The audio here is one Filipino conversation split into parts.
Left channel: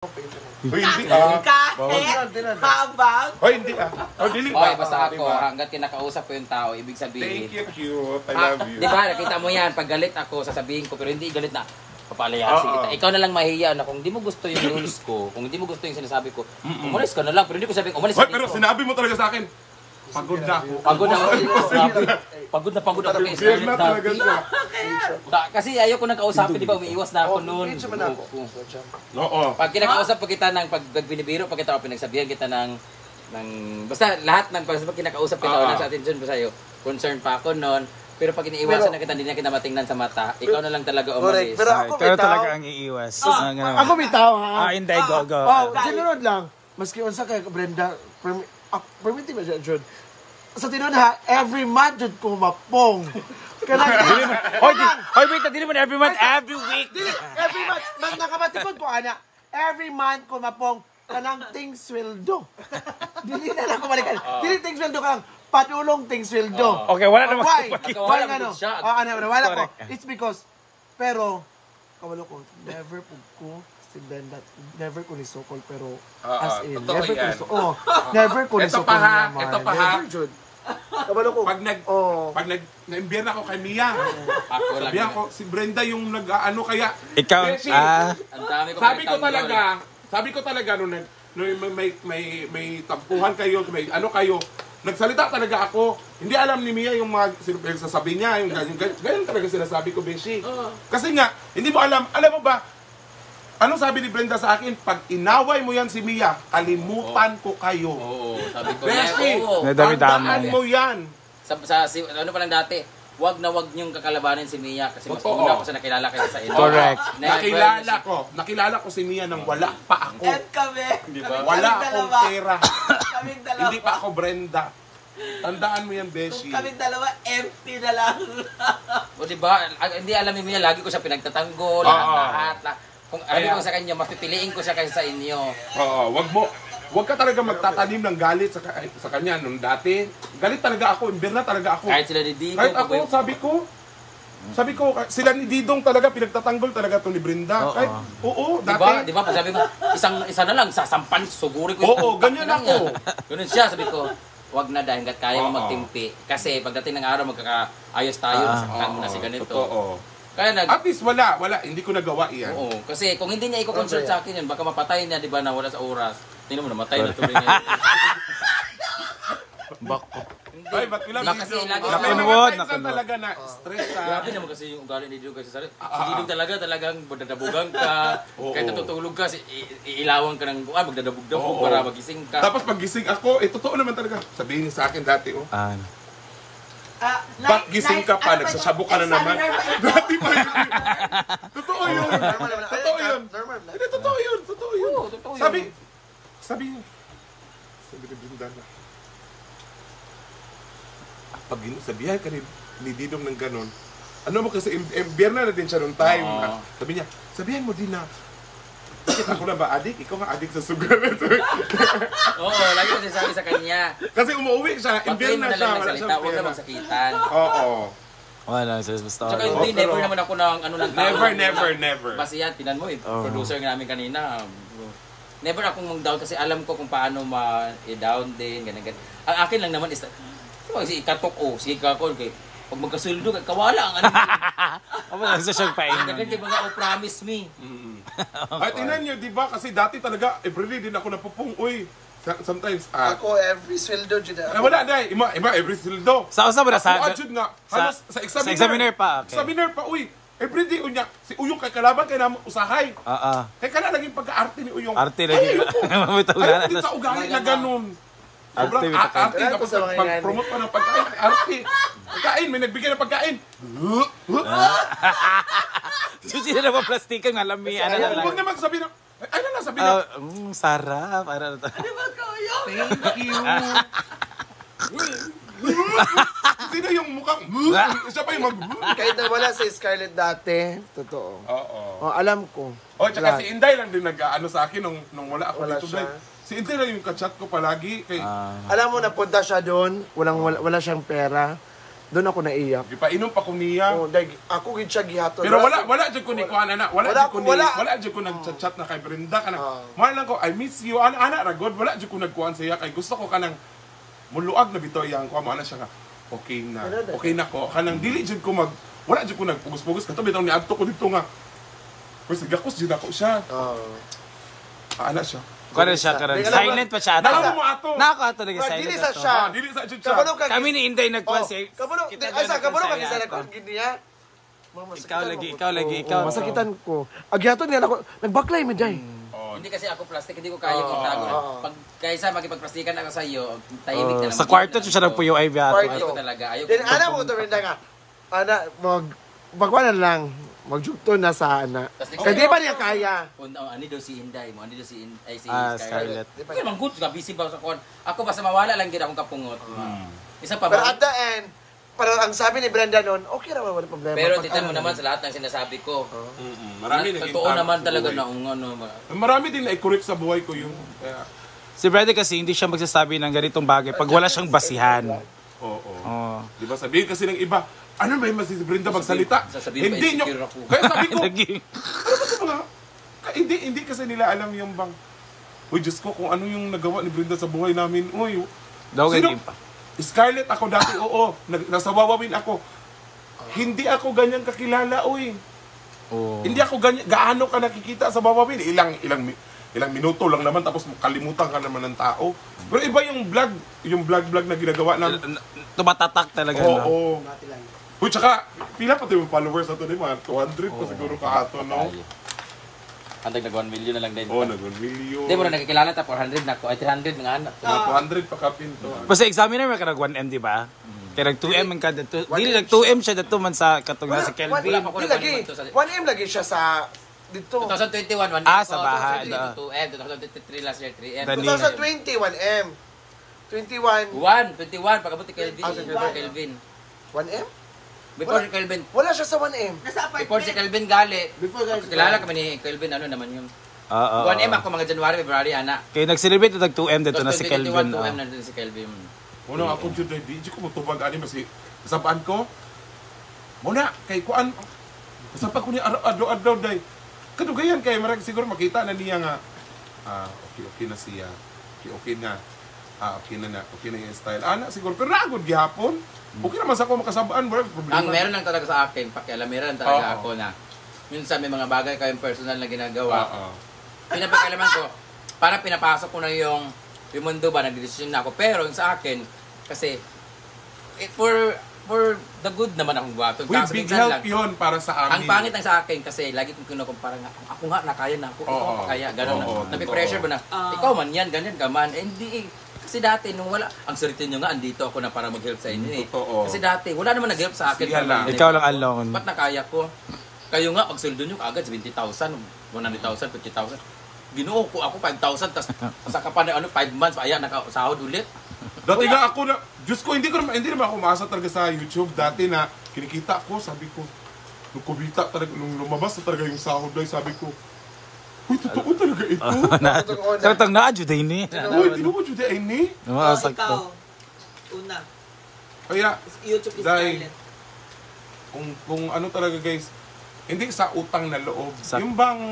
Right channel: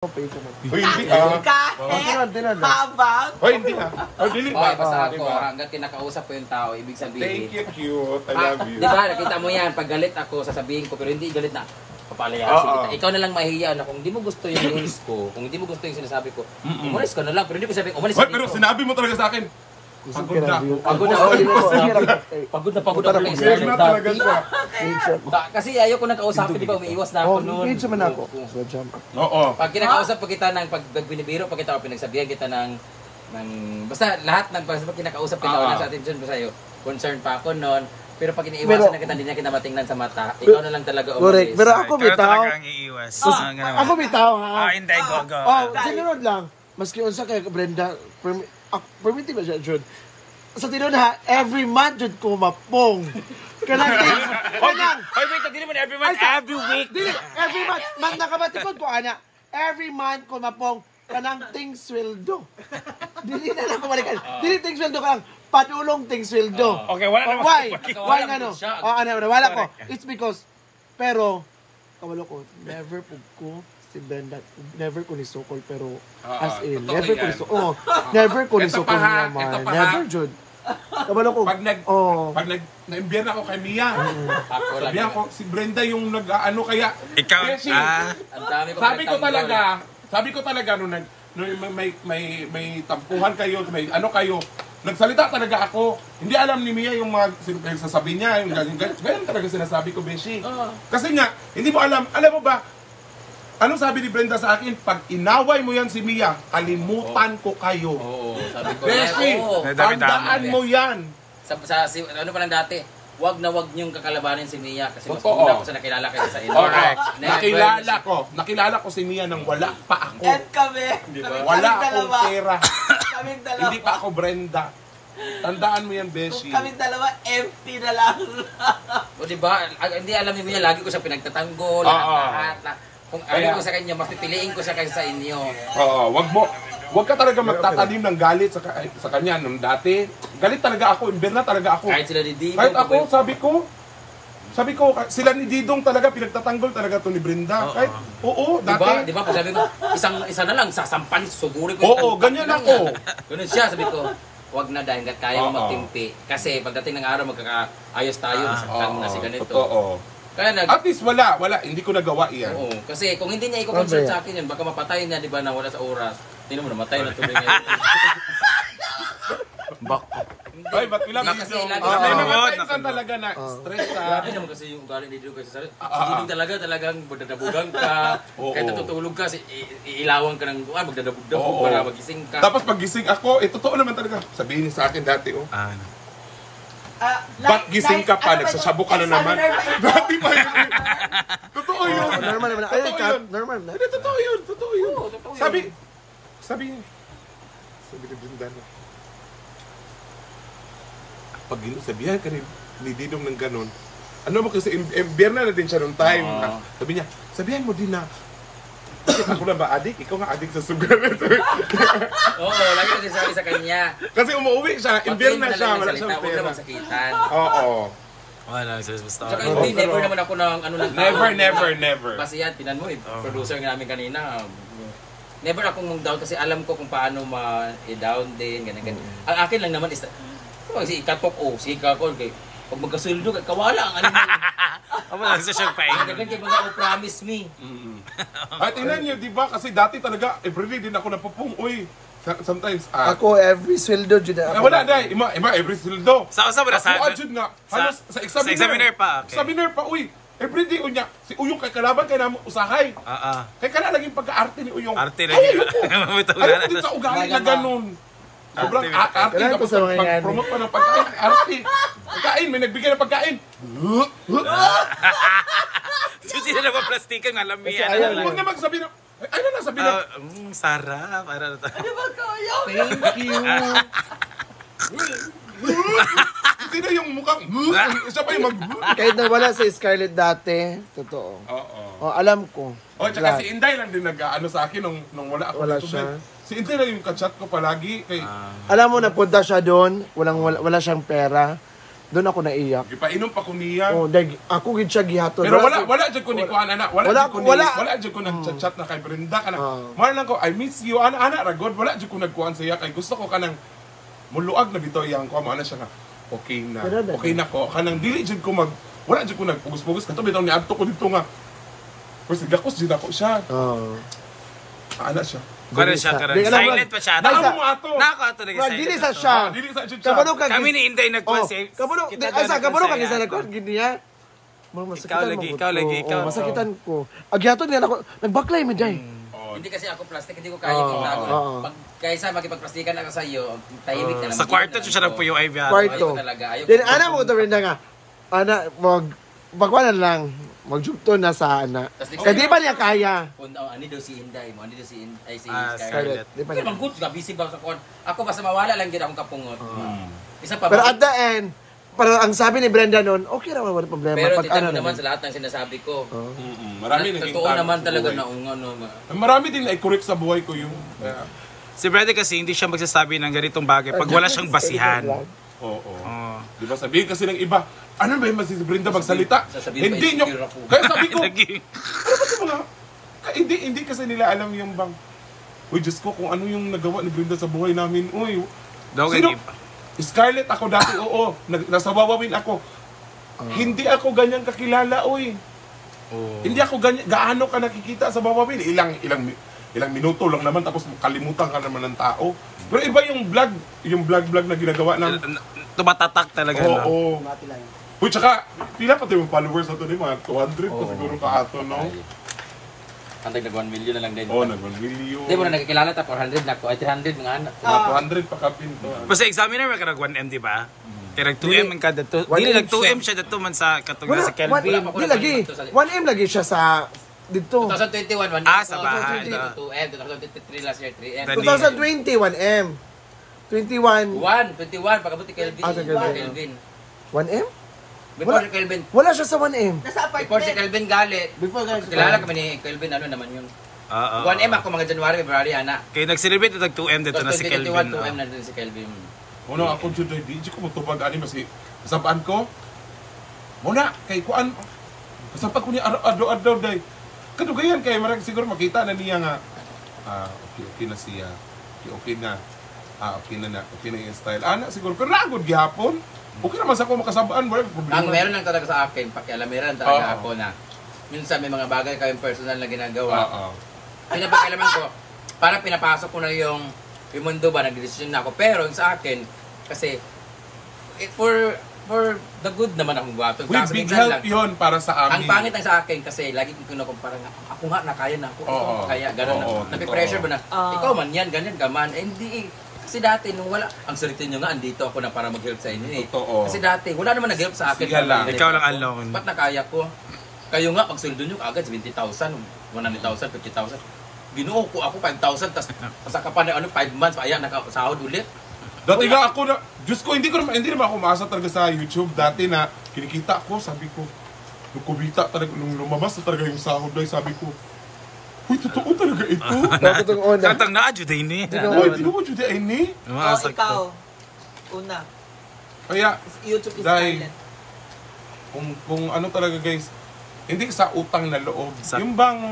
Hoy, hindi ah. Kahit habang. Hoy, hindi ah. Oh, dili ba? Basta ako, hanggat kinakausap ko yung tao, ibig sabihin. Thank you, cute. I love you. Di ba, nakita mo yan, pag galit ako, sasabihin ko, pero hindi galit na, papalayasin kita. Ikaw na lang mahihiya na kung hindi mo gusto yung news ko, kung hindi mo gusto yung sinasabi ko, umalis ka na lang, pero hindi ko sabihin, umalis ka Hoy, pero sinabi mo talaga sa akin. Pagod na ako. Pagod na kay Scared Scarlett na talaga Darby. siya. Kasi ayoko nang kausapin, di ba, umiiwas na ako noon. Oo. Pag kinakausap pa kita ng pag binibiro pa kita o pinagsabihan kita ng basta lahat ng pag kinakausap kita o nasa attention ko sa'yo, concern pa ako noon. Pero pag iniiwasan na kita, hindi na kita matingnan sa mata, ikaw na lang talaga umalis. Pero ako bitaw. Talaga ang iiwas. Ako bitaw ha. Hindi, go. Sinunod lang. Maski unsa kay Brenda, permitted ba siya, Jud? Sa tinon ha, every month Jud ko mapong. Kanang Hoy, wait, hindi naman every month, every week. Every month, nakabatipod ko, ana. Every month ko mapong, kanang ting sweldo. Dili na lang kumalikan. Dili ting sweldo ka lang, padulong ting sweldo. Okay, wala naman. Why nga no? Wala ko. It's because, pero, kawalo ko, never pug ko si Brenda, never ko ni Sokol, pero as in, never ko ni Sokol. Never ko ni Sokol niya, man. Never, Jud. Kabalo ko. Pag na-imbyer na ako kay Mia, sabihan ko, si Brenda yung nag-ano kaya. Ikaw, sabi ko talaga, nung may tampuhan kayo, may ano kayo, nagsalita talaga ako. Hindi alam ni Mia yung mga sasabi niya, yung ganyan talaga sinasabi ko, Beshi. Kasi nga, hindi mo alam mo ba, anong sabi ni Brenda sa akin? Pag inaway mo yan si Mia, kalimutan ko kayo. Oo, sabi ko. Beshi, tandaan mo yan. Ano pa lang dati, wag niyong kakalabanin si Mia kasi mas una ko sa nakilala kayo sa inyo. Nakilala ko si Mia nang wala pa ako. And kami. Wala akong pera. Kaming dalawa. Hindi pa ako Brenda. Tandaan mo yan, Beshi. Kaming dalawa, empty na lang. O diba, hindi alam ni Mia, lagi ko siya pinagtatanggol. Lahat. Kung ano ko sa kanya, mas pipiliin ko siya kaysa sa inyo. Oo, wag ka talaga magtatanim ng galit sa kanya nung dati. Galit talaga ako, imbir na talaga ako. Kahit sila ni Didong. Kahit ako, sabi ko, sila ni Didong talaga, pinagtatanggol talaga to ni Brenda. Kahit, dati. Diba, sabi ko, isa na lang, sasampan, sugurin ko. Oo, ganyan ako. Ganun siya, sabi ko, wag na dahil kaya magtimpi. Kasi pagdating ng araw, magkakaayos tayo. Masaktan na si ganito. Oo. At least wala, hindi ko nagawa iyan. Oo, kasi kung hindi niya i-consult sa akin yun, baka mapatay niya, di ba, na wala sa oras. Tingnan mo, namatay na tuloy niya. Ay, ba't ilang video? May mga times talaga na stress ka. Grabe naman kasi yung ugali ni Didong kasi sa hindi talagang magdadabugan ka. Kahit natutulog ka, iilawang ka ng magdadabog-dabog para magising ka. Tapos pag gising ako, totoo naman talaga. Sabihin niya sa akin dati, ba't gising ka pa? Nagsasabo ka na naman. Dati pa yun. Totoo yun. Totoo yun. Hindi, totoo yun. Sabi ni Brenda na, pag sabihan ka ni Didong ng ganon, ano mo kasi, biyerna na din siya nung time. Sabi niya, sabihan mo din na, bakit ako na ba adik? Ikaw nga adik sa sugar. Oo, lagi kasi sabi sa kanya. Kasi umuwi siya, imbir na siya, wala siyang pera. Oo. Wala, basta. Tsaka hindi, never naman ako ng ano lang. Never. Kasi yan, tinan mo producer namin kanina. Never akong mag-down kasi alam ko kung paano ma-down din, ganyan. Ang akin lang naman is, si ikatok si ikakon, pag magkasuldo, kawala ang ano. Ako na sa siyang pain. Kaya mga promise me. Ay, tingnan niyo, di ba? Kasi dati talaga, everyday din ako napupung. Uy, sometimes, ako, every sweldo, Jud. Wala, day. Ima, every sweldo. Sa mo na sa? Ako, Jud nga. Halos, sa examiner pa. Sa examiner pa, uy. Everyday, unya. Si Uyong kay kalaban, kay naman usahay. Kaya ka na naging pagka-arte ni Uyong. Arte na yun. Ayaw din sa ugali na ganun. Sobrang arte. Tapos pag-promote pa ng pagkain, arte. Pagkain, may nagbigay ng pagkain. Susi na naman plastikan, alamihan na lang. Huwag na magsabi na, ano na sabi na? Sarap. Ano ba kayo? Thank you. Sino yung mukhang, siya pa yung mag... Kahit na wala sa Scarlett dati, totoo. Alam ko. Tsaka si Inday lang din nag-ano sa akin nung wala ako dito. Si Inday lang yung kachat ko palagi. Alam mo, napunta siya doon, wala siyang pera. Doon ako naiyak. Gipainom pa ko Mia. Oh, dahil ako gid siya gihaton. Pero wala jud ko ni kuan ana, wala jud ko nag-chat na kay Brenda kana. Mahal lang ko, I miss you ana ra god, wala jud ko nagkuan sa iya kay gusto ko kanang muluag na bitaw yang ko mo ana siya nga. Okay na ko kanang dili jud ko wala jud ko nagpugos-pugos kato bitaw ni adto ko dito nga. Kasi gakos jud ako siya. Ana siya. Kaya siya karon. Silent pa siya. Naamo mo ato. Nako ato nag Dili sa silent. siya. Dili sa jud siya. Kami ni Inday nagkuan si Kaburo, kita kaburo doon kami sa nagkuan likod sa gid niya. Ikaw lagi. Masakitan ko. Agyaton nga ako, nagbaklay mi day. Hindi kasi ako plastic, hindi ko kaya itago. Pag kaysa makipagplastikan ako sa iyo, tahimik na lang. Sa kwarto siya nagpuyo ay biya. Ayoko talaga. Then ana mo to rin nga. Ana, magkuan lang. Magjugto na sa ana. Kaya di ba niya kaya? Ani daw si Inday mo, ani daw si Scarlett. Di ba naman good, busy ba sa kon? Ako basta mawala lang gid akong kapungot. Isa pa Pero ba? at the end, pero ang sabi ni Brenda noon, okay naman wala problema. Pero Pag tignan mo ano naman sa lahat ng sinasabi ko. Marami naging Totoo naman talaga na Marami din na i-correct sa buhay ko yung Si Brady kasi hindi siya magsasabi ng ganitong bagay pag wala siyang basihan. Oo. Di ba sabihin kasi ng iba, ano ba yung si Brenda magsalita? Sasabihin Hindi pa, nyo. insecure ako. Kaya sabi ko, Lagi. ano ba ito mga... Hindi kasi nila alam yung bang, uy, Diyos ko, kung ano yung nagawa ni Brenda sa buhay namin. Uy, Daw sino? ganyan pa. Scarlett ako dati, oo. Nasa Wawawin ako. Hindi ako ganyan kakilala, uy. Hindi ako ganyan. Gaano ka nakikita sa Wawawin? Ilang minuto lang naman tapos kalimutan ka naman ng tao. Pero iba yung vlog na ginagawa ng... Tumatatak talaga na. Oo. Uy, tsaka, pila pa yung followers ato din, mga 200 pa siguro ka ato, no? Andag nag 1 million na lang din. Oo, nag 1 million. Hindi mo na nakikilala ta 400 na ko, ay 300 mga anak. Mga 200 pa kapin to. Basta examiner may karag 1M, di ba? Kaya nag 2M ang kada to. Dili nag 2M siya dato man sa katong sa Kelvin. Wala pa ko Di na lagi. 1M lagi siya sa dito. 2021, 1M. Sa bahay. 2M, 2023 last year, 3M. 2020 1M. 21 21, pagkabuti Kelvin. Kelvin. 1M? Before si Kelvin. Wala siya sa 1M. Before si Kelvin galit. Before guys. Kilala kami ni Kelvin, ano naman yun. Oo. 1M ako mga January, February, anak. Kaya nag-celebrate nag 2M dito na si Kelvin. 2M na din si Kelvin. Muna ako dyan, di ko matubag ani mas kasabaan ko. Muna, kay kuan. Kasabaan ko ni ado-ado day. Kadugayan kay marag siguro makita na niya nga. Okay na siya. Okay na. Okay na yung style. Ana siguro, pero nagod gihapon. Okay naman sa ako makasabaan, wala problema. Ang meron lang talaga sa akin, pakialamiran talaga ako na minsan may mga bagay kayong personal na ginagawa. Pinapakialaman ko, parang pinapasok ko na yung mundo ba, nagdidesisyon na ako. Pero yung sa akin, kasi for the good naman akong buhaton. With big help yun para sa amin. Ang pangit lang sa akin kasi lagi ko kinukumpara nga, ako nga nakaya na ako, ikaw kaya, gano'n. Napi-pressure ba na, ikaw man yan, ganyan ka man. Hindi kasi dati nung wala, ang swerte nyo nga, andito ako na para mag-help sa inyo eh. Totoo. Kasi dati, wala naman nag-help sa akin. Sige lang. Ikaw lang alone. Ba't nakaya ko? Kayo nga, pag sweldo nyo agad, 20,000, 100,000, 50,000. Ginuo ko ako 5,000, tapos pasaka pa na 5 months, ayan, nakasahod ulit. Dati nga ako na, Diyos ko, hindi naman ako umasa talaga sa YouTube. Dati na, kinikita ko, sabi ko, nung kumita talaga, nung lumabas na talaga yung sahod ay sabi ko, uy, totoo talaga ito. Taratang na, Juday ni. Uy, tinuwa dyan ay ni. Ikaw, una, Kaya, YouTube is dahil, silent. kung ano talaga guys, hindi sa utang na loob. Yung bang,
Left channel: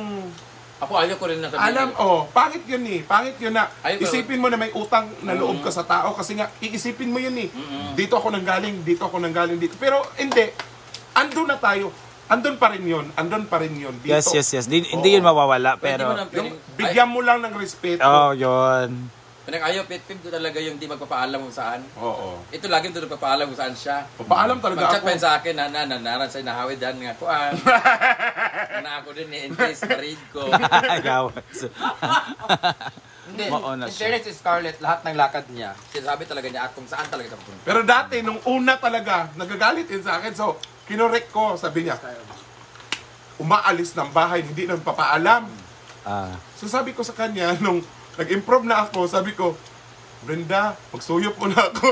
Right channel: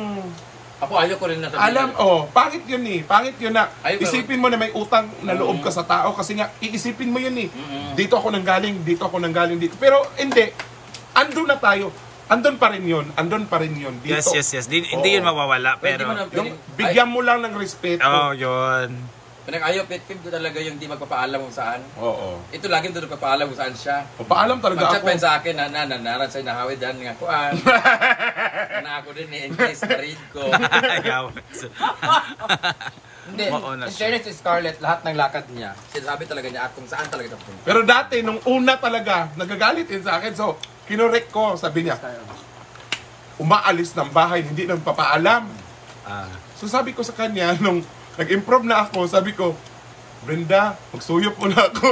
Ako ayaw ko rin na sabihin. pangit yun eh. Pangit yun na, Ayaw ko. isipin mo na may utang na loob ka sa tao kasi nga, iisipin mo yun eh. Dito ako nanggaling, dito. Pero hindi, andun na tayo. Andun pa rin yun dito. Yes. Hindi yun mawawala, pero... Yung bigyan mo lang ng respeto. Oh, yun. Ayaw, pet-pim ko talaga yung di magpapaalam kung saan. Oo. Ito lagi doon nagpapaalam kung saan siya. Paalam talaga Mag-chat ako. pa yun sa akin, naran sa'yo, nahawid yan nga. Kuan. Na ako din eh, in case na-read ko. Ayaw. Hindi, Mauna in siya. fairness si Scarlett, lahat ng lakad niya, sinasabi talaga niya kung saan talaga siya punta. Pero dati, nung una talaga, nagagalit din sa akin. So, kinorek ko, sabi niya, umaalis ng bahay, hindi nagpapaalam. So sabi ko sa kanya, nung nag-improve na ako, sabi ko, Brenda, magsuyop mo na ako.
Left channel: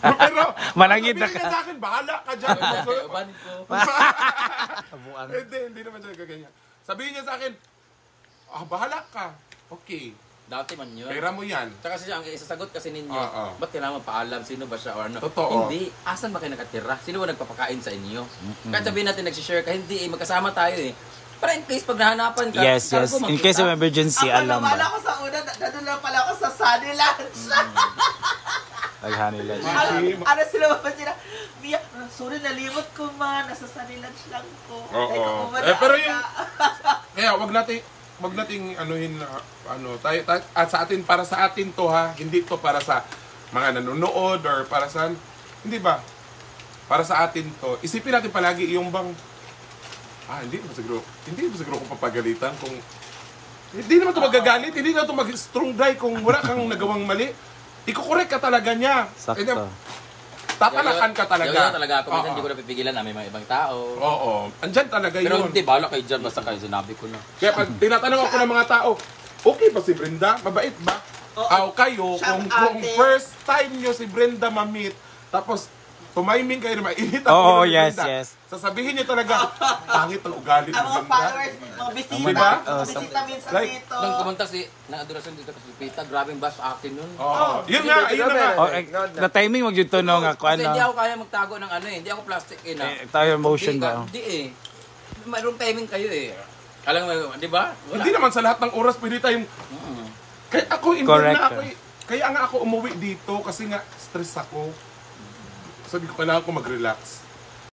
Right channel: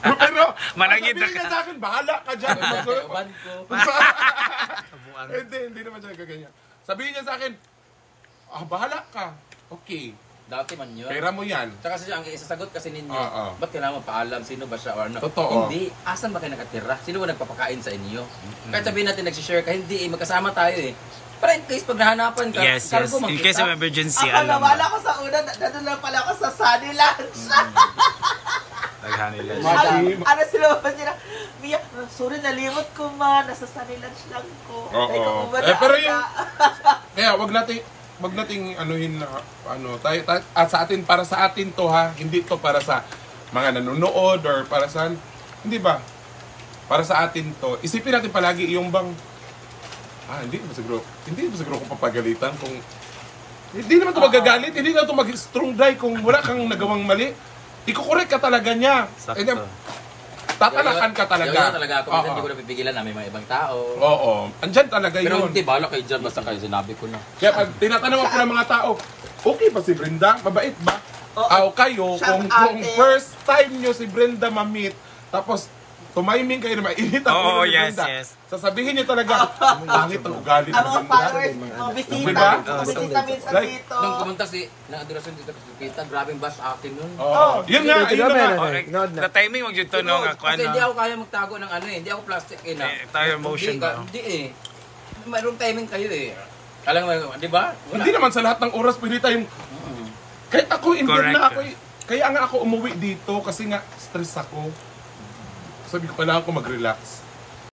Pero, Malangid na sabihin ka. niya sa akin, bahala ka dyan. Magsuyop. Uban ko. Hindi naman siya gaganyan. Sabihin niya sa akin, bahala ka. Okay. Dati man yun. Pera mo yan. Tsaka kasi ang isasagot kasi ninyo, Oo. ba't kailangan paalam sino ba siya or ano? Totoo. Hindi. Asan ba kayo nakatira? Sino ba nagpapakain sa inyo? Kahit sabihin natin nagsishare ka, hindi magkasama tayo eh. Para in case pag nahanapan ka, Yes, yes. In case of emergency, Ako alam nawala mo. ko sa una, nandun lang pala ako sa Sunny Lunch. Naghan nila. Ano sila ba sila? Mia, sorry nalimot ko man, nasa Sunny Lunch lang ko. Oo. Pero yung kaya wag nating anuhin na tayo at sa atin para sa atin to ha, hindi to para sa mga nanonood or para sa hindi ba? Para sa atin to. Isipin natin palagi yung bang hindi naman siguro kung papagalitan kung hindi naman to magagalit, hindi naman to mag-strong die kung wala kang nagawang mali. Iko-correct ka talaga niya. Sakto. And then, tatanakan ka talaga. Yoyo talaga ako. Minsan hindi ko napipigilan na may mga ibang tao. Oo. Andyan talaga Pero yun. hindi, bahala kayo dyan. Basta kayo, sinabi ko na. Kaya pag tinatanong ako ng mga tao, okay ba si Brenda? Mabait ba? Kayo, kung first time nyo si Brenda ma-meet, tapos tumaiming kayo na mainit ang ulo ni yes, Brenda, yes. sasabihin niyo talaga, pangit ang ugali ni Ang mga Brenda. followers, mga bisita, Diba? mga bisita minsan Like, dito. Nung pumunta na adorasyon dito kasi Pita, grabing bash akin nun. Oo. Yun nga, ayun na nga. Na timing wag yung tunog ako Kasi hindi ano. ako kaya magtago ng ano eh. Hindi ako plastic eh na. Tayo emotion Hindi ba? Hindi eh. Mayroong timing kayo eh. Alam mo, di ba? Hindi naman sa lahat ng oras pwede tayong... Kaya ako, Correct. na ako, kaya nga ako umuwi dito kasi nga stress ako. Sabi ko, kailangan ko mag-relax.